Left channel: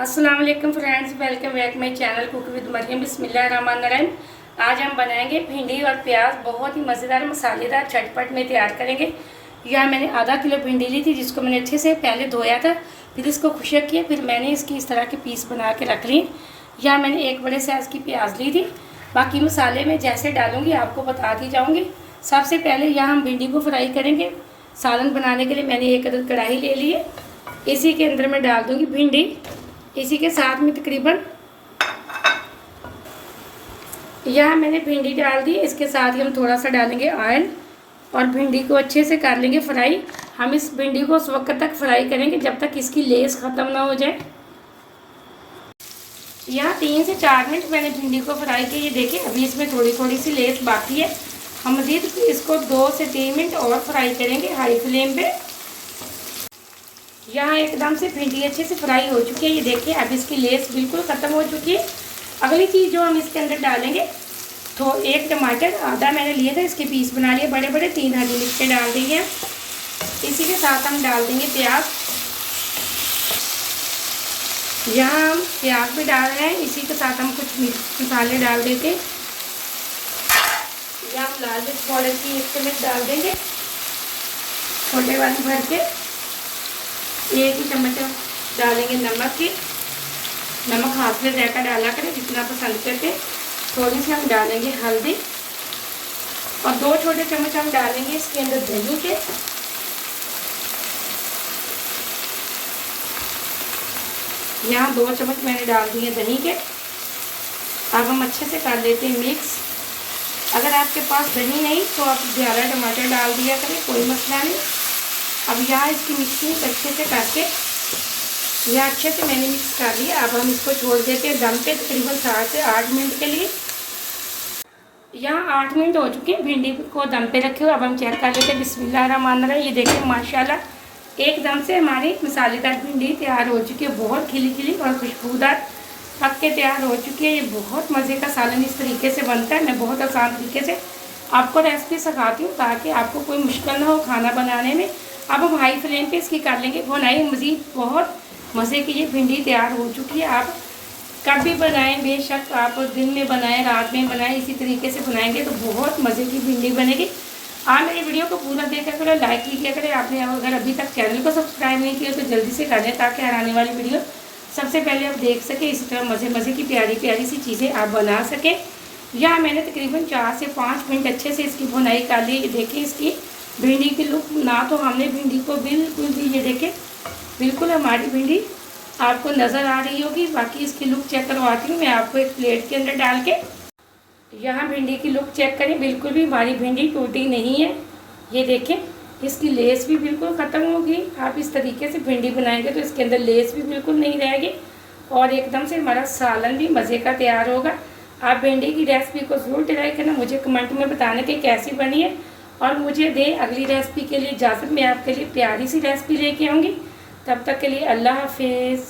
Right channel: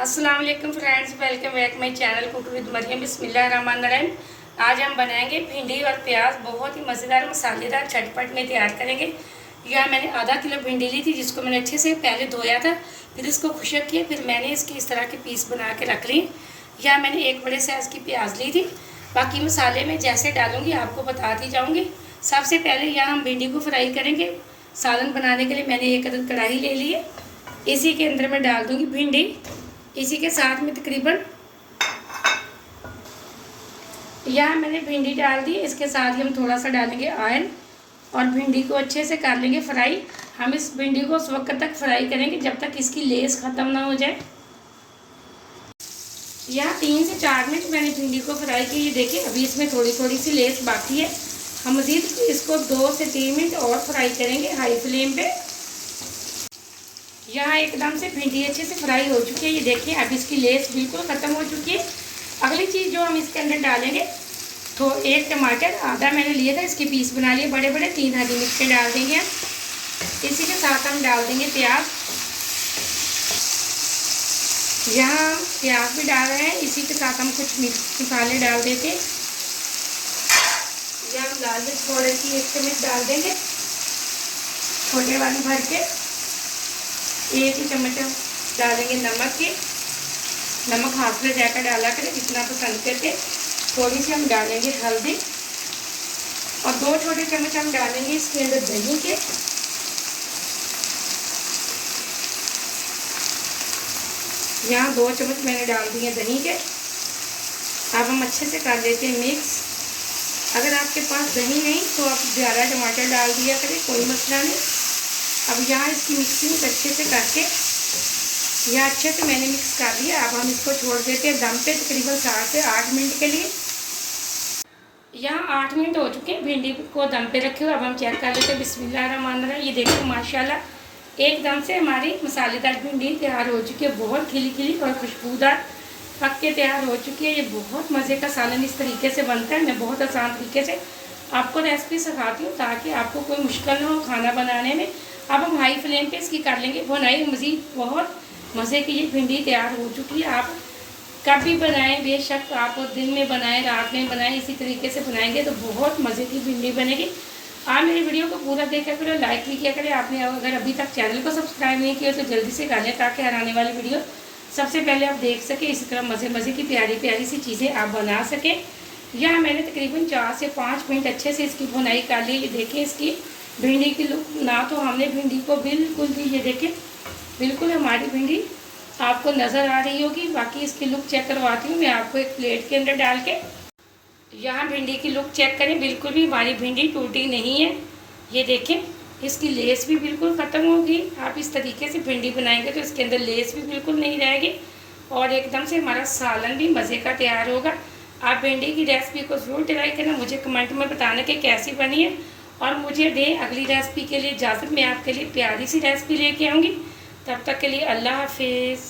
अस्सलाम वालेकुम friends, welcome back my channel cook with Maryam. बिस्मिल्लाहिर्रहमानिर्रहीम। आज हम बनाएंगे भिंडी और प्याज, बहुत ही मज़ेदार मसालेदार झटपट में तैयार करेंगे। यह मैंने आधा किलो भिंडी ली थी, जिसको मैंने अच्छे से पहले धोया था, फिर इसको खुशक किया, फिर मैंने इसकी इस तरह के पीस बना के रख लिए। यह मैंने एक बड़े साइज़ की प्याज ली थी। बाकी मसाले में जैसे डालूँगी आपको बताती जाऊँगी। सबसे पहले यहाँ हम भिंडी को फ्राई करेंगे। सालन बनाने के लिए मैंने एक अदद कढ़ाई ले ली है। इसी के अंदर मैं डाल दूँगी भिंडी। इसी के साथ में तकरीबन यहाँ मैंने भिंडी डाल दी। इसके साथ ही हम थोड़ा सा डालेंगे ऑयल और भिंडी को अच्छे से कर लेंगे फ्राई। हम इस भिंडी को उस वक्त तक फ्राई करेंगे जब तक इसकी लेस ख़त्म ना हो जाए। यहाँ 3 से 4 मिनट मैंने भिंडी को फ्राई की। ये देखिए अभी इसमें थोड़ी थोड़ी सी लेस बाकी है। हम मज़ीद इसको 2 से 3 मिनट और फ्राई करेंगे हाई फ्लेम पे। यहाँ एकदम से भिंडी अच्छे से फ्राई हो चुकी है। ये देखिए अब इसकी लेस बिल्कुल ख़त्म हो चुकी है। अगली चीज़ जो हम इसके अंदर डालेंगे, तो 1 टमाटर आधा मैंने लिया था, इसके पीस बना लिए बड़े बड़े। 3 हरी मिर्चें डाल देंगे। इसी के साथ हम डाल देंगे प्याज। यहाँ हम प्याज भी डाल रहे हैं। इसी के साथ हम कुछ मसाले डाल देते हैं। यहाँ हम लाल मिर्च पाउडर की 1 चम्मच डाल देंगे, छोटे वाली भर के। 1 ही चम्मच डालेंगे नमक की। नमक हाथ में जाकर डाला करें जितना पसंद करके। थोड़ी सी हम डालेंगे हल्दी और 2 छोटे चम्मच हम डालेंगे इसके अंदर दही के। यहाँ 2 चम्मच मैंने डाल दिए दही के। अब हम अच्छे से कर लेते हैं मिक्स। अगर आपके पास दही नहीं तो आप ज़्यादा टमाटर डाल दिया करें, कोई मसला नहीं। अब यहाँ इसकी मिक्सिंग अच्छे से करके यह अच्छे से मैंने मिक्स कर लिया। अब हम इसको छोड़ देते हैं दम पे तकरीबन 7 से 8 मिनट के लिए। यहाँ 8 मिनट हो चुके हैं भिंडी को दम पे रखे हुए। अब हम चेक कर लेते हैं। बिस्मिल्लाहिर्रहमानिर्रहीम। ये देखिए माशाल्लाह एकदम से हमारी मसालेदार भिंडी तैयार हो चुकी है। बहुत खिली खिली और खुशबूदार पक के तैयार हो चुकी है। ये बहुत मज़े का सालन इस तरीके से बनता है। मैं बहुत आसान तरीके से आपको रेसिपी सिखाती हूँ ताकि आपको कोई मुश्किल ना हो खाना बनाने में। अब हम हाई फ्लेम पे इसकी कर लेंगे भुनाई। मज़ीद बहुत मज़े की ये भिंडी तैयार हो चुकी है। आप कभी बनाएं, बेशक आप दिन में बनाएं, रात में बनाएं, इसी तरीके से बनाएंगे तो बहुत मज़े की भिंडी बनेगी। आप मेरी वीडियो को पूरा देखा करें, लाइक भी किया करें। आपने अगर अभी तक चैनल को सब्सक्राइब नहीं किया तो जल्दी से कर लें ताकि हर आने वाली वीडियो सबसे पहले आप देख सकें। इसी तरह मज़े की प्यारी प्यारी सी चीज़ें आप बना सकें। यहाँ मैंने तकरीबन 4 से 5 मिनट अच्छे से इसकी भुनाई कर ली। ये देखिए इसकी भिंडी की लुक ना, तो हमने भिंडी को बिल्कुल भी, ये देखें बिल्कुल हमारी भिंडी आपको नज़र आ रही होगी। बाकी इसकी लुक चेक करवाती हूँ मैं आपको एक प्लेट के अंदर डाल के। यहाँ भिंडी की लुक चेक करें, बिल्कुल भी हमारी भिंडी टूटी नहीं है। ये देखें इसकी लेस भी बिल्कुल ख़त्म होगी। आप इस तरीके से भिंडी बनाएंगे तो इसके अंदर लेस भी बिल्कुल नहीं रहेगी और एकदम से हमारा सालन भी मज़े का तैयार होगा। आप भिंडी की रेसिपी को ज़रूर ट्राई करना, मुझे कमेंट में बताना कि कैसी बनी है और मुझे दें अगली रेसिपी के लिए इजाज़त। मैं आपके लिए प्यारी सी रेसिपी लेके आऊँगी। तब तक के लिए अल्लाह हाफिज़।